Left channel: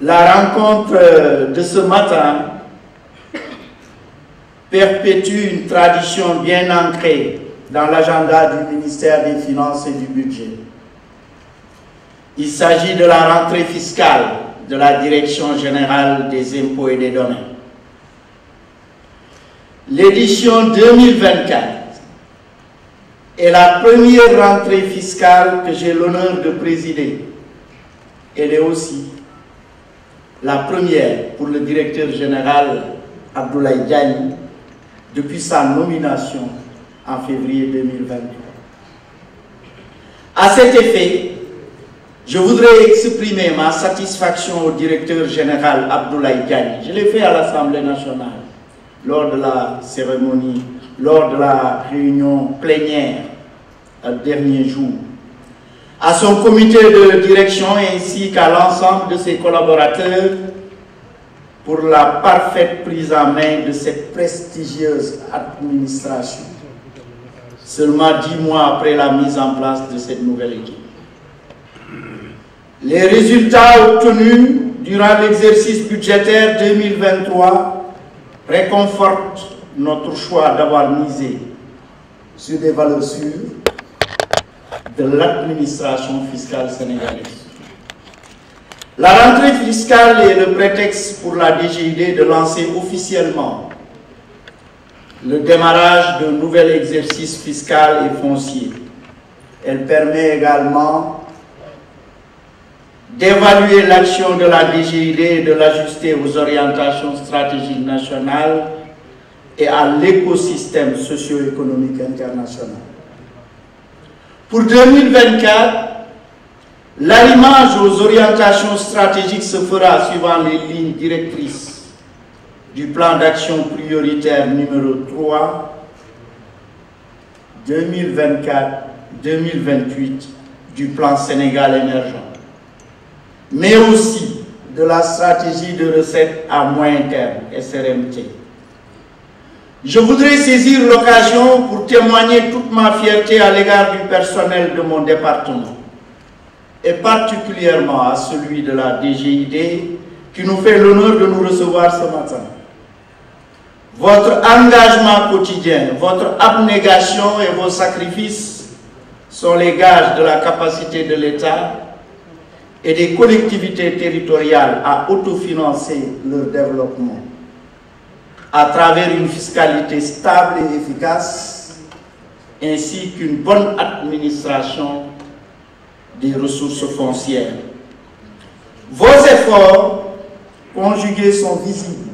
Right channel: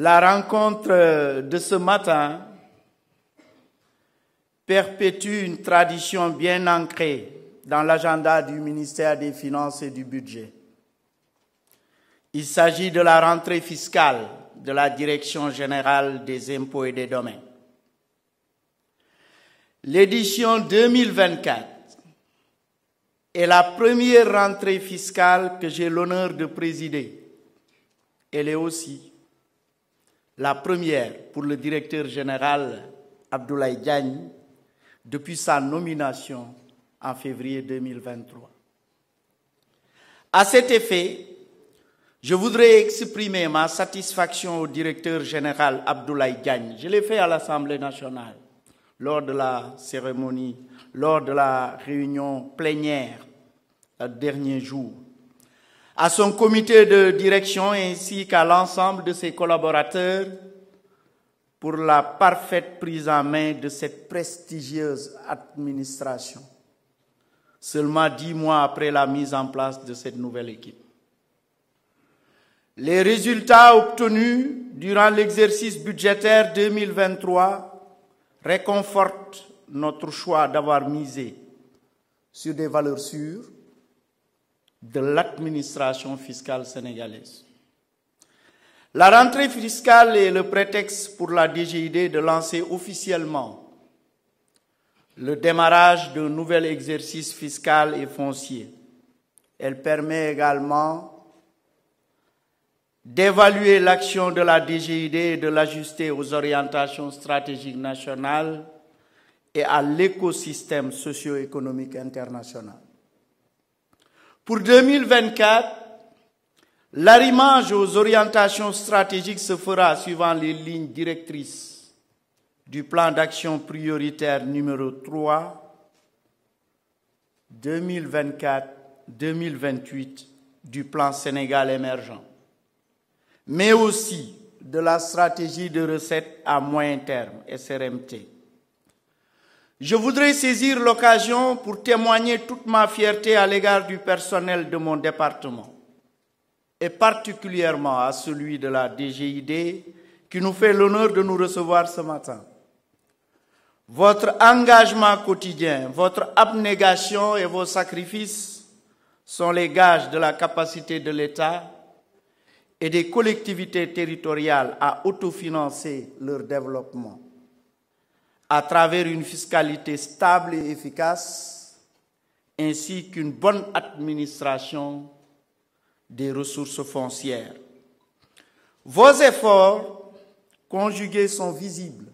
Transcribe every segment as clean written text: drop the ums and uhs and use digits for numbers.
La rencontre de ce matin perpétue une tradition bien ancrée dans l'agenda du ministère des Finances et du Budget. Il s'agit de la rentrée fiscale de la Direction générale des impôts et des domaines. L'édition 2024 est la première rentrée fiscale que j'ai l'honneur de présider. Elle est aussi la première pour le directeur général Abdoulaye Diagne depuis sa nomination en février 2023. À cet effet, je voudrais exprimer ma satisfaction au directeur général Abdoulaye Diagne. Je l'ai fait à l'Assemblée nationale lors de la cérémonie, lors de la réunion plénière dernier jour, à son comité de direction ainsi qu'à l'ensemble de ses collaborateurs pour la parfaite prise en main de cette prestigieuse administration, seulement 10 mois après la mise en place de cette nouvelle équipe. Les résultats obtenus durant l'exercice budgétaire 2023 réconfortent notre choix d'avoir misé sur des valeurs sûres de l'administration fiscale sénégalaise. La rentrée fiscale est le prétexte pour la DGID de lancer officiellement le démarrage d'un nouvel exercice fiscal et foncier. Elle permet également d'évaluer l'action de la DGID et de l'ajuster aux orientations stratégiques nationales et à l'écosystème socio-économique international. Pour 2024, l'arrimage aux orientations stratégiques se fera suivant les lignes directrices du plan d'action prioritaire numéro 3 2024-2028 du plan Sénégal émergent, mais aussi de la stratégie de recettes à moyen terme, SRMT. Je voudrais saisir l'occasion pour témoigner toute ma fierté à l'égard du personnel de mon département, et particulièrement à celui de la DGID, qui nous fait l'honneur de nous recevoir ce matin. Votre engagement quotidien, votre abnégation et vos sacrifices sont les gages de la capacité de l'État et des collectivités territoriales à autofinancer leur développement à travers une fiscalité stable et efficace, ainsi qu'une bonne administration des ressources foncières. Vos efforts conjugués sont visibles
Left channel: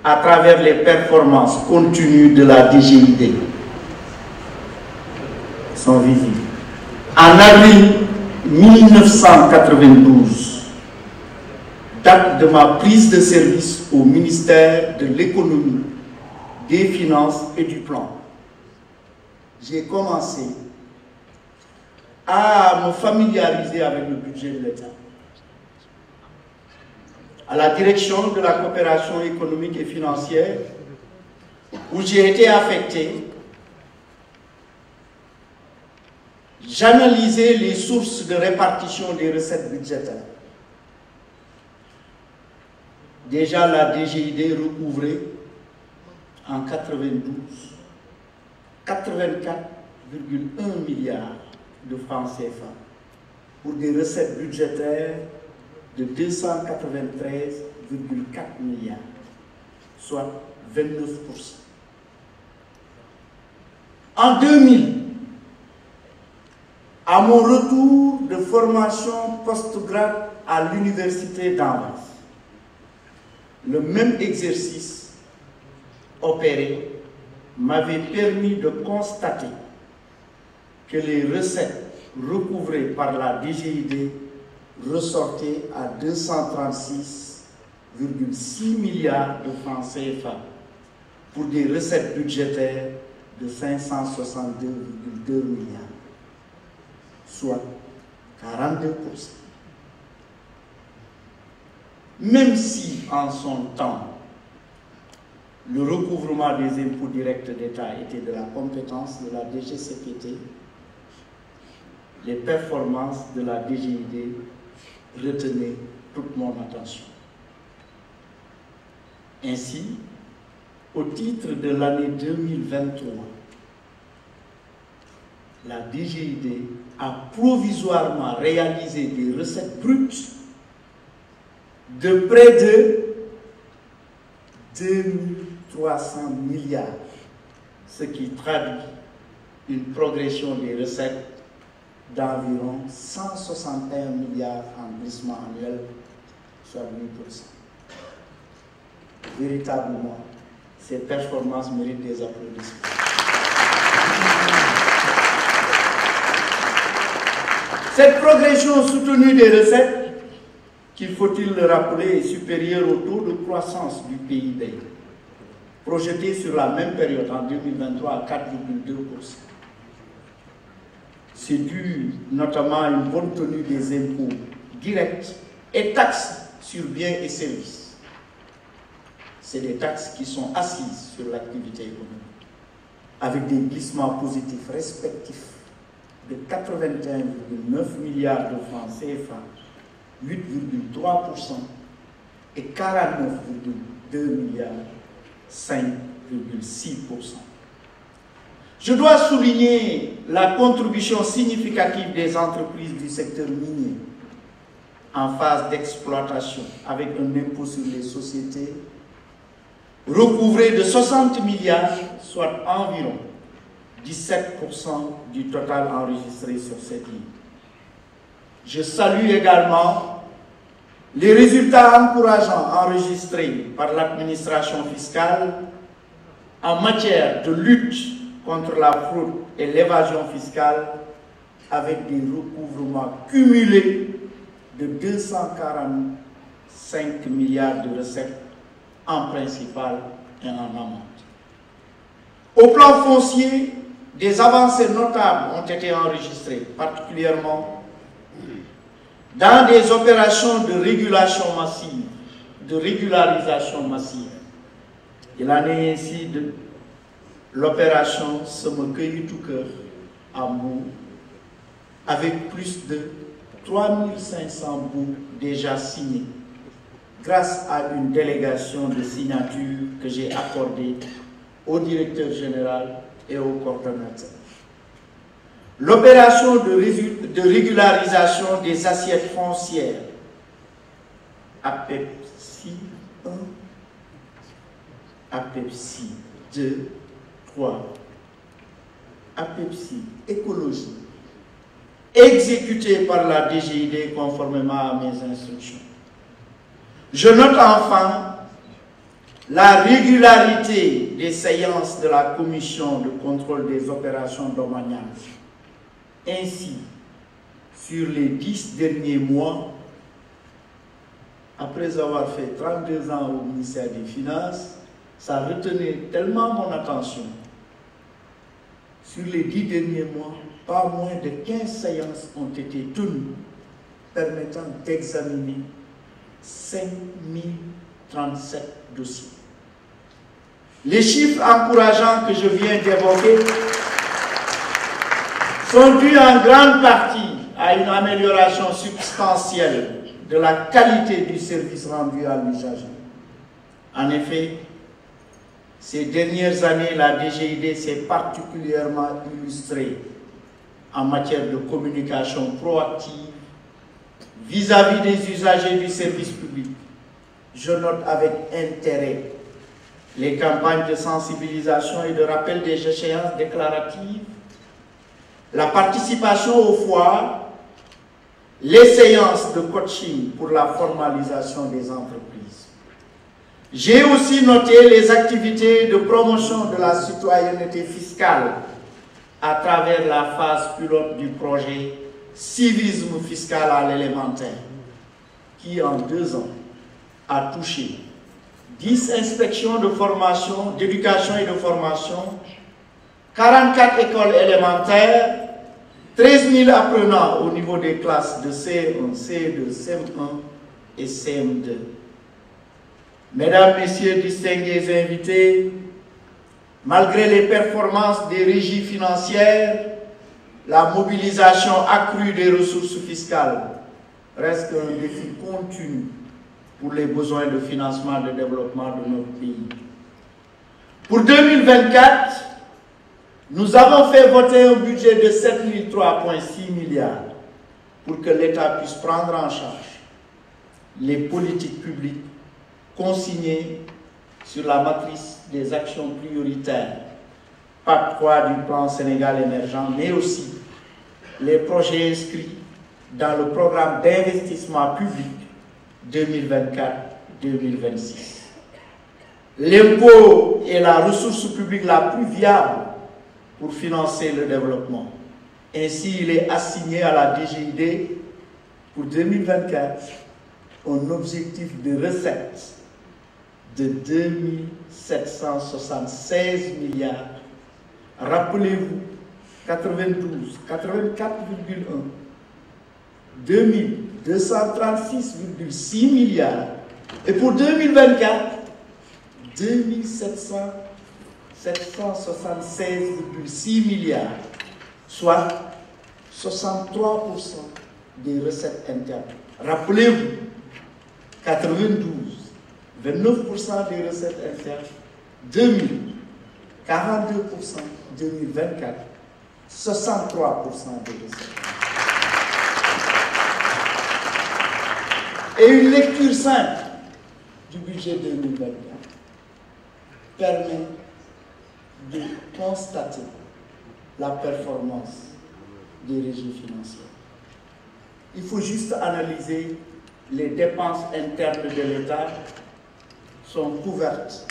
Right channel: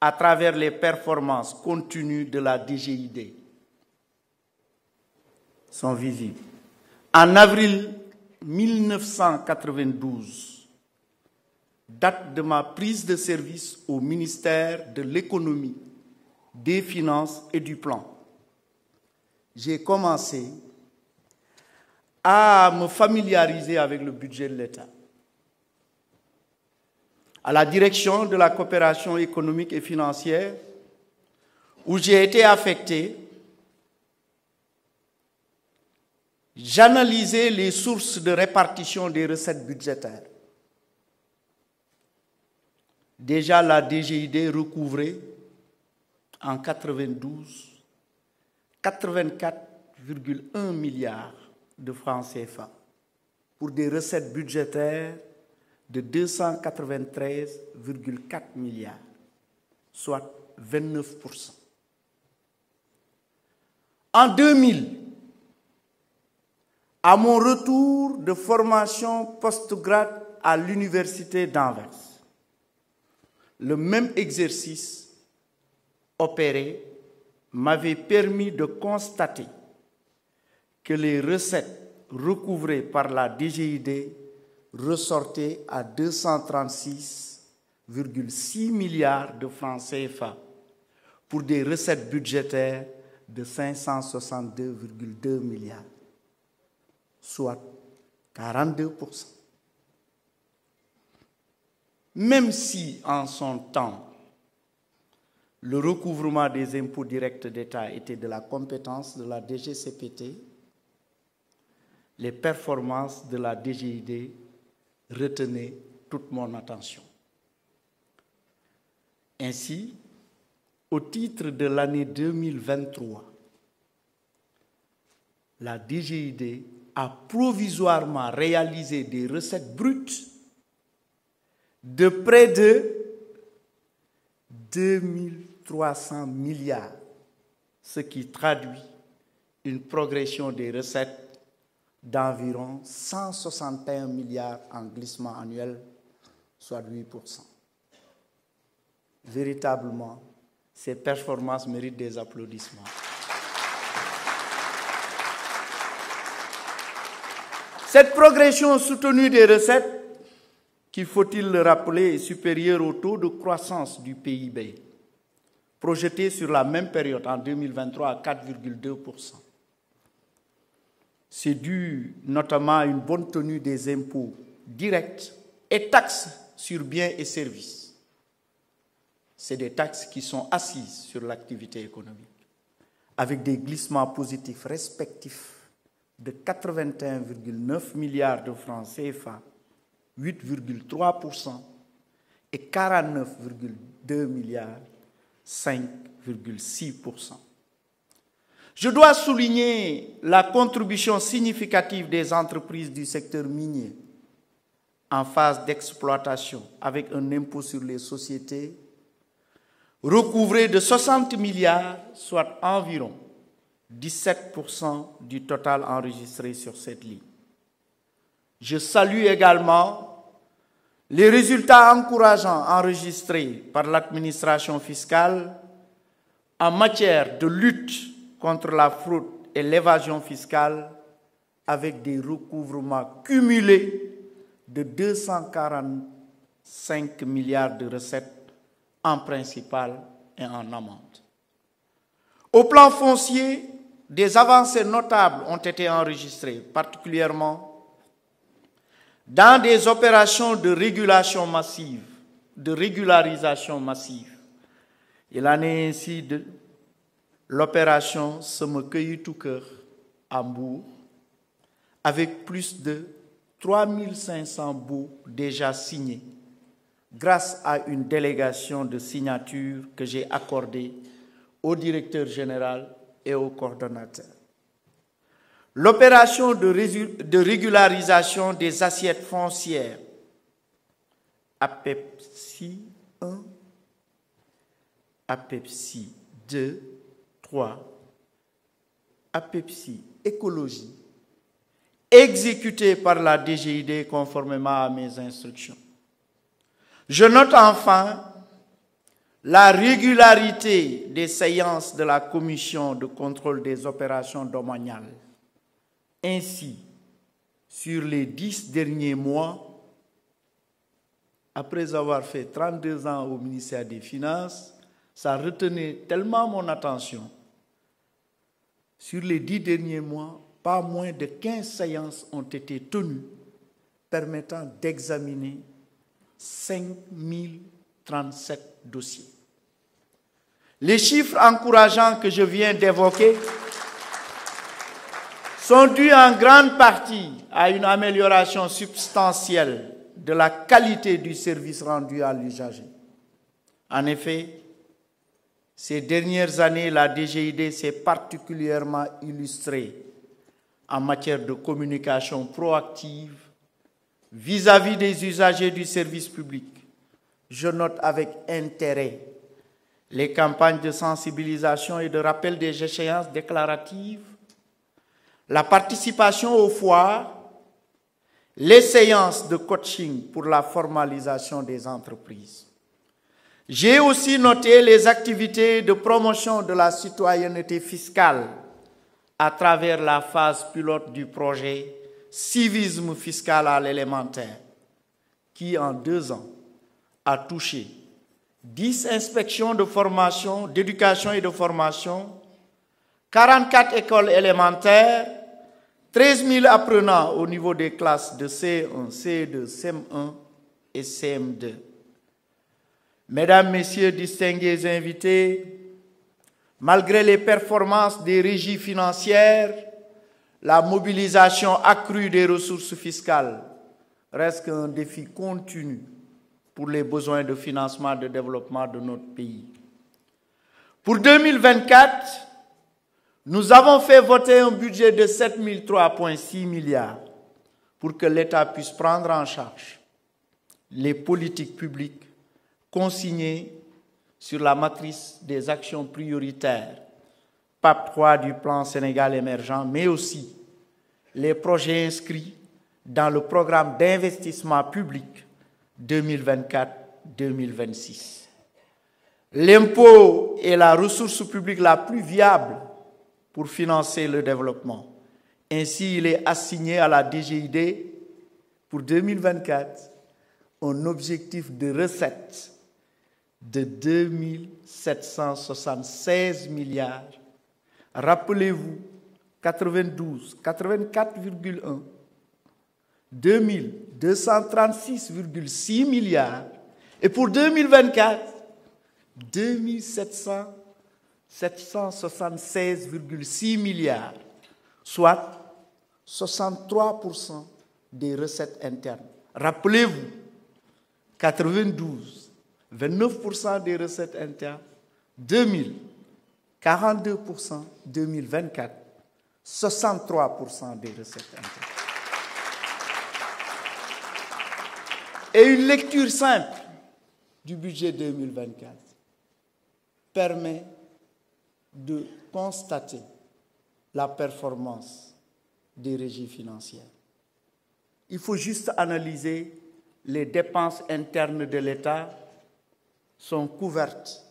à travers les performances continues de la DGID. Sont visibles. En avril 1992, date de ma prise de service au ministère de l'économie, des finances et du plan, j'ai commencé à me familiariser avec le budget de l'État. À la direction de la coopération économique et financière, où j'ai été affecté, j'analysais les sources de répartition des recettes budgétaires. Déjà, la DGID recouvrait en 92 84,1 milliards de francs CFA pour des recettes budgétaires de 293,4 milliards, soit 29%. En 2000, à mon retour de formation postgrade à l'université d'Anvers, le même exercice opéré m'avait permis de constater que les recettes recouvrées par la DGID ressortaient à 236,6 milliards de francs CFA pour des recettes budgétaires de 562,2 milliards, soit 42%. Même si, en son temps, le recouvrement des impôts directs d'État était de la compétence de la DGCPT, les performances de la DGID retenaient toute mon attention. Ainsi, au titre de l'année 2023, la DGID a provisoirement réalisé des recettes brutes de près de 2300 milliards, ce qui traduit une progression des recettes d'environ 161 milliards en glissement annuel, soit 8%. Véritablement, ces performances méritent des applaudissements. Cette progression soutenue des recettes, qu'il faut-il le rappeler, est supérieure au taux de croissance du PIB, projeté sur la même période en 2023 à 4,2%. C'est dû notamment à une bonne tenue des impôts directs et taxes sur biens et services. C'est des taxes qui sont assises sur l'activité économique, avec des glissements positifs respectifs de 81,9 milliards de francs CFA, 8,3% et 49,2 milliards, 5,6%. Je dois souligner la contribution significative des entreprises du secteur minier en phase d'exploitation avec un impôt sur les sociétés recouvré de 60 milliards, soit environ 17% du total enregistré sur cette ligne. Je salue également les résultats encourageants enregistrés par l'administration fiscale en matière de lutte contre la fraude et l'évasion fiscale avec des recouvrements cumulés de 245 milliards de recettes en principal et en amont. Au plan foncier, des avancées notables ont été enregistrées, particulièrement dans des opérations de régulation massive, de régularisation massive. Il en est ainsi de l'opération Somme Cueilli tout cœur à Mbour, avec plus de 3500 bouts déjà signés, grâce à une délégation de signature que j'ai accordée au directeur général et au coordonnateur. L'opération de régularisation des assiettes foncières, APEPSI 1, APEPSI 2, 3, APEPSI écologie, exécutée par la DGID conformément à mes instructions. Je note enfin la régularité des séances de la commission de contrôle des opérations domaniales. Ainsi, sur les 10 derniers mois, après avoir fait 32 ans au ministère des Finances, ça retenait tellement mon attention. Sur les 10 derniers mois, pas moins de 15 séances ont été tenues permettant d'examiner 5037 dossiers. Les chiffres encourageants que je viens d'évoquer sont dus en grande partie à une amélioration substantielle de la qualité du service rendu à l'usager. En effet, ces dernières années, la DGID s'est particulièrement illustrée en matière de communication proactive vis-à-vis des usagers du service public. Je note avec intérêt les campagnes de sensibilisation et de rappel des échéances déclaratives, la participation aux foires, les séances de coaching pour la formalisation des entreprises. J'ai aussi noté les activités de promotion de la citoyenneté fiscale à travers la phase pilote du projet Civisme fiscal à l'élémentaire, qui en 2 ans a touché 10 inspections de formation, d'éducation et de formation, 44 écoles élémentaires, 13 000 apprenants au niveau des classes de CE1, CE2, CM1 et CM2. Mesdames, Messieurs, distingués invités, malgré les performances des régies financières, la mobilisation accrue des ressources fiscales reste un défi continu pour les besoins de financement et de développement de notre pays. Pour 2024, nous avons fait voter un budget de 7.003,6 milliards pour que l'État puisse prendre en charge les politiques publiques consignées sur la matrice des actions prioritaires, PAP 3 du plan Sénégal émergent, mais aussi les projets inscrits dans le programme d'investissement public 2024-2026. L'impôt est la ressource publique la plus viable pour financer le développement. Ainsi, il est assigné à la DGID pour 2024 un objectif de recettes de 2776 milliards. Rappelez-vous, 92, 84,1, 2236,6 milliards. Et pour 2024, 2776,6 milliards, soit 63% des recettes internes. Rappelez-vous, 92, 29% des recettes internes, 2000, 42%, 2024, 63% des recettes. Et une lecture simple du budget 2024 permet de constater la performance des régimes financiers. Il faut juste analyser les dépenses internes de l'État sont couvertes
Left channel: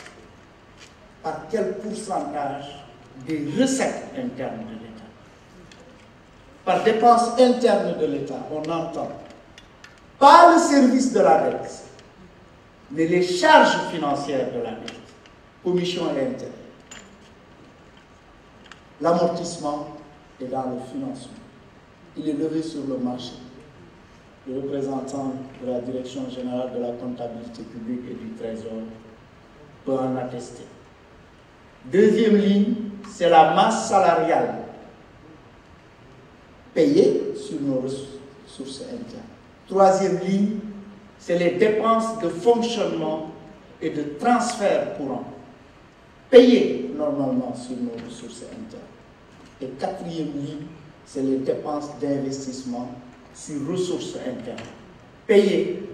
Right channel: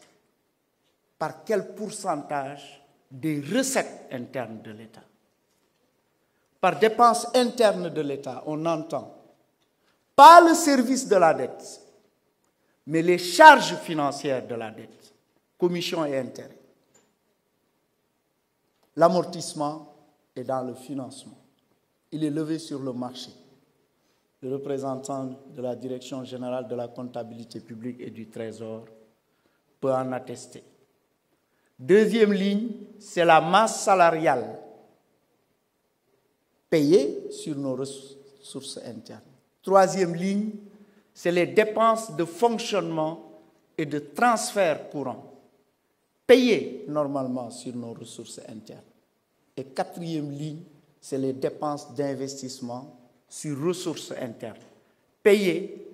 par quel pourcentage des recettes internes de l'État. Par dépenses internes de l'État, on entend pas le service de la dette, mais les charges financières de la dette, commissions et intérêts. L'amortissement est dans le financement. Il est levé sur le marché. Le représentant de la Direction générale de la comptabilité publique et du Trésor peut en attester. Deuxième ligne, c'est la masse salariale payée sur nos ressources internes. Troisième ligne, c'est les dépenses de fonctionnement et de transfert courant payées normalement sur nos ressources internes. Et quatrième ligne, c'est les dépenses d'investissement sur ressources internes, payées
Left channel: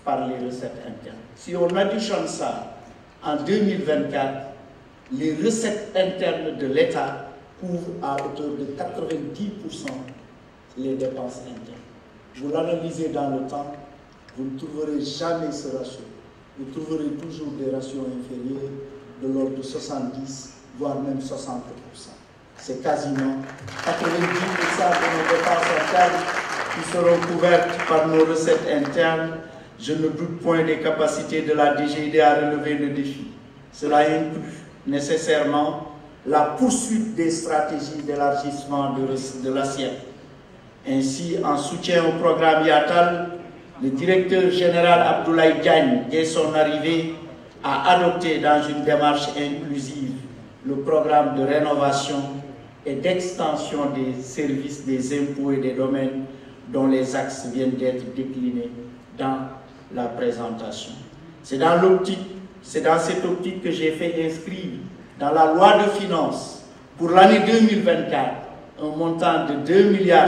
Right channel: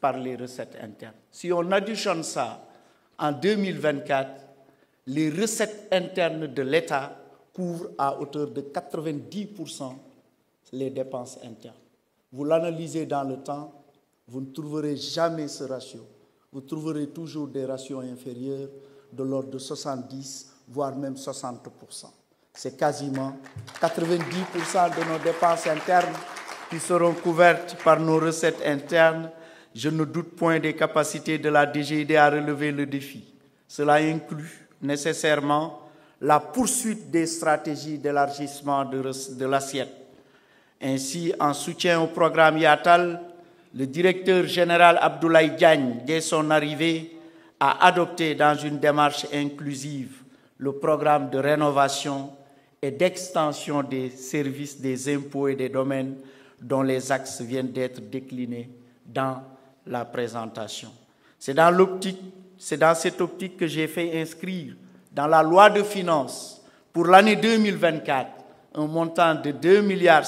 par les recettes internes. Si on additionne ça, en 2024, les recettes internes de l'État couvrent à hauteur de 90% les dépenses internes. Vous l'analysez dans le temps, vous ne trouverez jamais ce ratio. Vous trouverez toujours des ratios inférieurs de l'ordre de 70, voire même 60%. C'est quasiment 90% de nos dépenses internes qui seront couvertes par nos recettes internes. Je ne doute point des capacités de la DGID à relever le défi. Cela inclut nécessairement la poursuite des stratégies d'élargissement de l'assiette. Ainsi, en soutien au programme Yatal, le directeur général Abdoulaye Diagne, dès son arrivée, a adopté dans une démarche inclusive le programme de rénovation et d'extension des services des impôts et des domaines dont les axes viennent d'être déclinés dans la présentation. C'est dans cette optique que j'ai fait inscrire dans la loi de finances pour l'année 2024 un montant de 2,5 milliards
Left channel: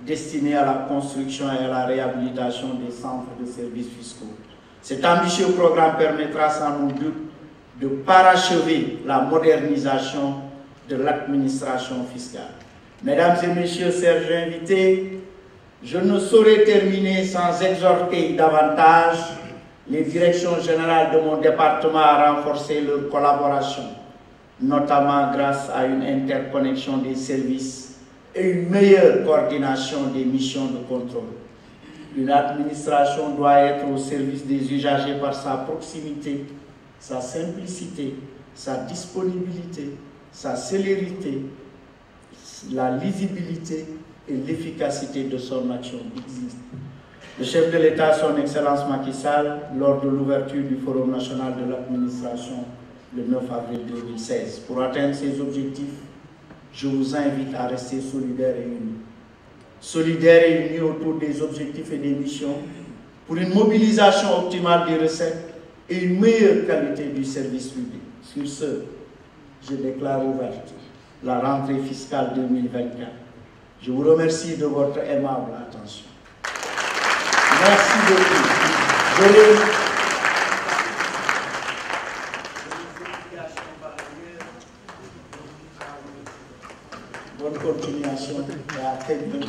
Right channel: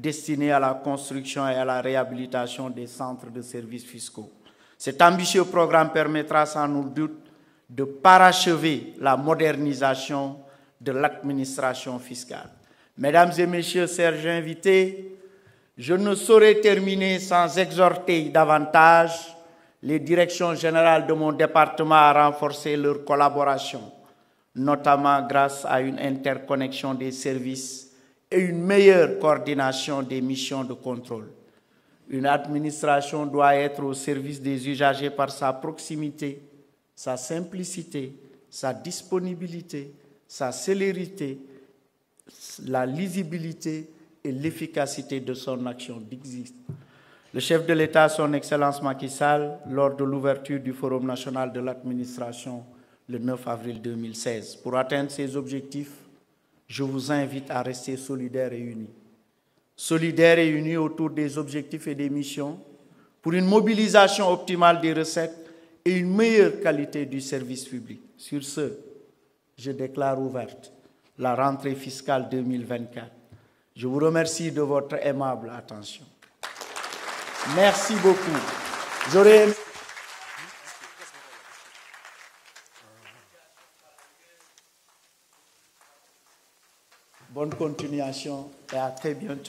destiné à la construction et à la réhabilitation des centres de services fiscaux. Cet ambitieux programme permettra sans aucun doute de parachever la modernisation de l'administration fiscale. Mesdames et messieurs, chers invités, je ne saurais terminer sans exhorter davantage les directions générales de mon département à renforcer leur collaboration, notamment grâce à une interconnexion des services et une meilleure coordination des missions de contrôle. Une administration doit être au service des usagers par sa proximité, sa simplicité, sa disponibilité, sa célérité, la lisibilité et l'efficacité de son action. Le chef de l'État, son Excellence Macky Sall, lors de l'ouverture du Forum national de l'administration le 9 avril 2016. Pour atteindre ces objectifs, je vous invite à rester solidaires et unis. solidaire et unie autour des objectifs et des missions, pour une mobilisation optimale des recettes et une meilleure qualité du service public. Sur ce, je déclare ouverte la rentrée fiscale 2024. Je vous remercie de votre aimable attention. Merci beaucoup. Bonne continuation et à très bientôt.